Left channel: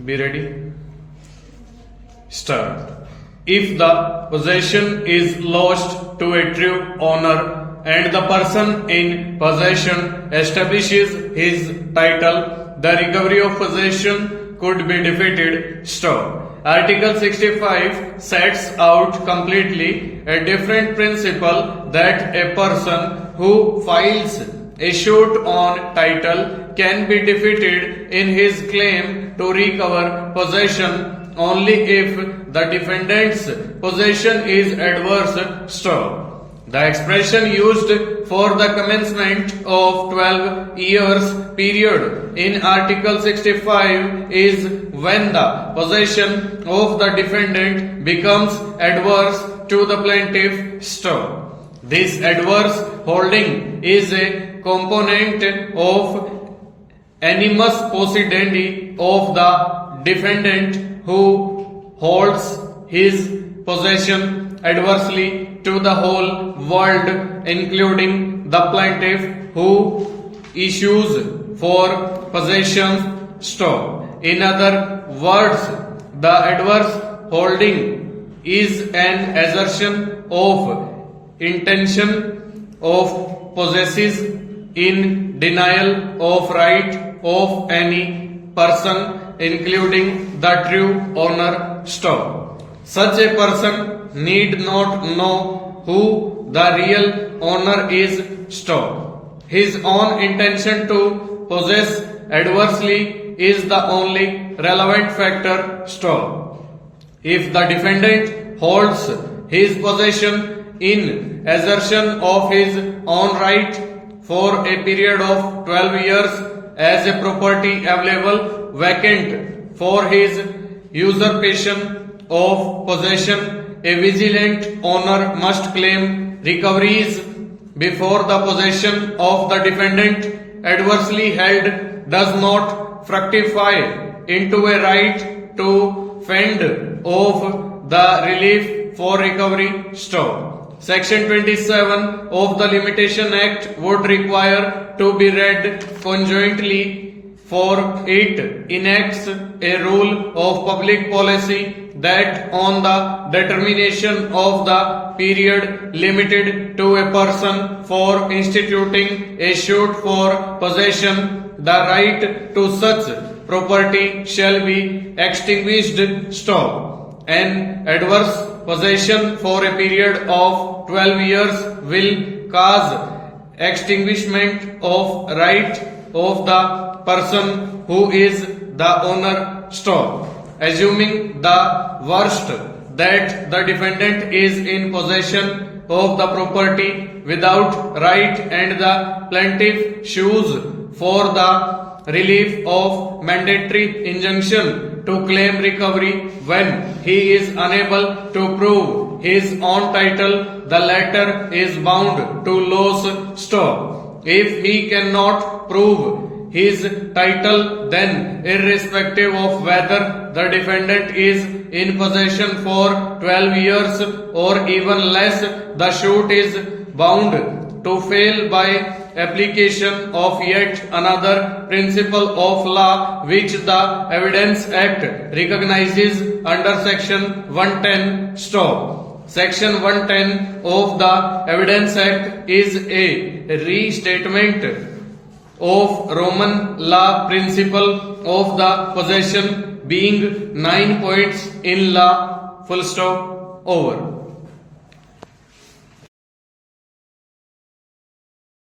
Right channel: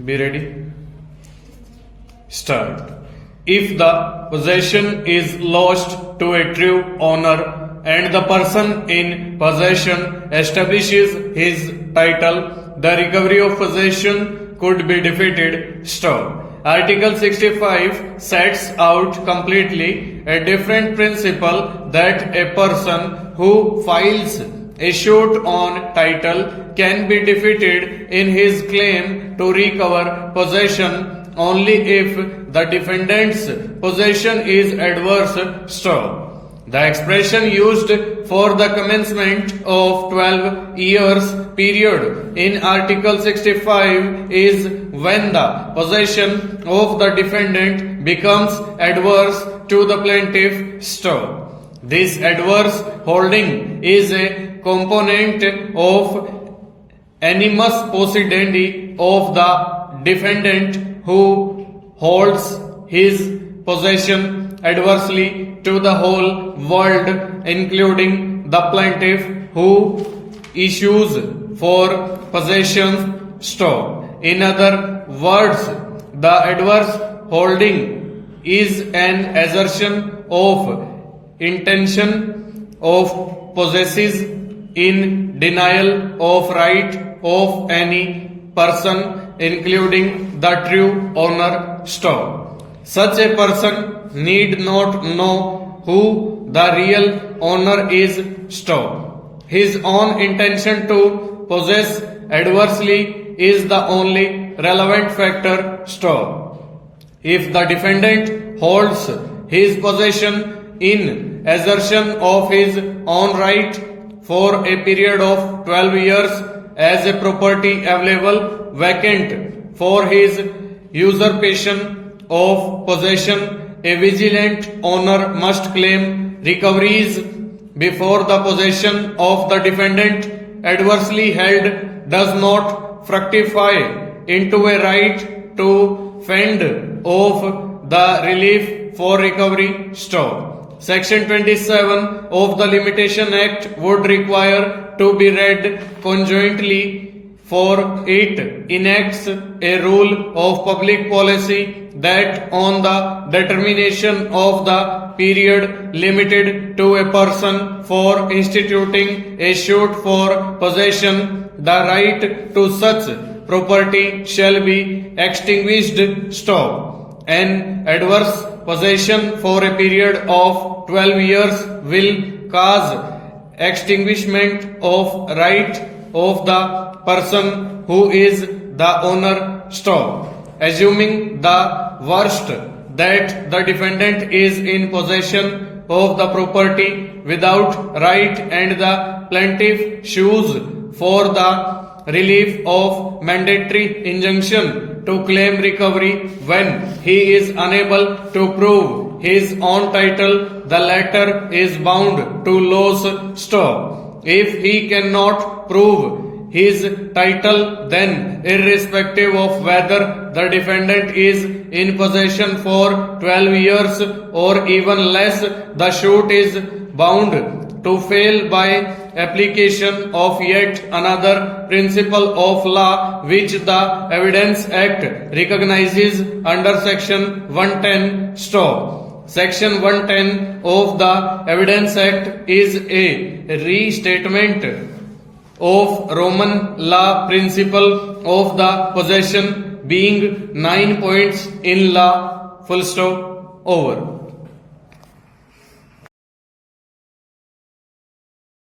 Be ready. Start. If the possession is lost to a true owner and the person in possession establishes his title, the recovery of possession could be defeated. Stop. Article 65 sets out completely a different principle that a person who files a suit on title can be defeated in his claim to recover possession only if the defendant's possession is adverse. Stop. The expression used for the commencement of 12 years period in Article 65 is when the possession of the defendant becomes adverse to the plaintiff. Stop. This adverse holding is a component of animus possidendi of the defendant who holds his possession adversely to the whole world, including the plaintiff who issues for possession. Stop. In other words, the adverse holding is an assertion of intention of possesses in denial of right of any person, including the true owner. Stop. Such a person need not know who the real owner is. Stop. His own intention to possess adversely is the only relevant factor. Stop. If the defendant holds his possession in assertion of his own right for a period of 12 years as a property available vacant for his usurpation of possession, a vigilant owner must claim recoveries before the possession of the defendant adversely held does not fructify into a right to fend off the relief for recovery. Stop. Section 27 of the Limitation Act would require to be read conjointly, for it enacts a rule of public policy that on the determination of the period limited to a person for instituting a suit for possession, the right to such property shall be extinguished. Stop. An adverse possession for a period of 12 years will cause extinguishment of right of the person who is the owner. Stop. Assuming the worst, that the defendant is in possession of the property without right and the plaintiff sues for the relief of mandatory injunction to claim recovery when he is unable to prove his own title, the latter is bound to lose. Stop. If he cannot prove his title, then irrespective of whether the defendant is in possession for 12 years or even less, the suit is bound to fail by application of yet another principle of law which the Evidence Act recognizes under Section 110. Stop. Section 110 of the Evidence Act is a restatement of Roman law principle of the possession, being 9 points in law. Full stop. Over.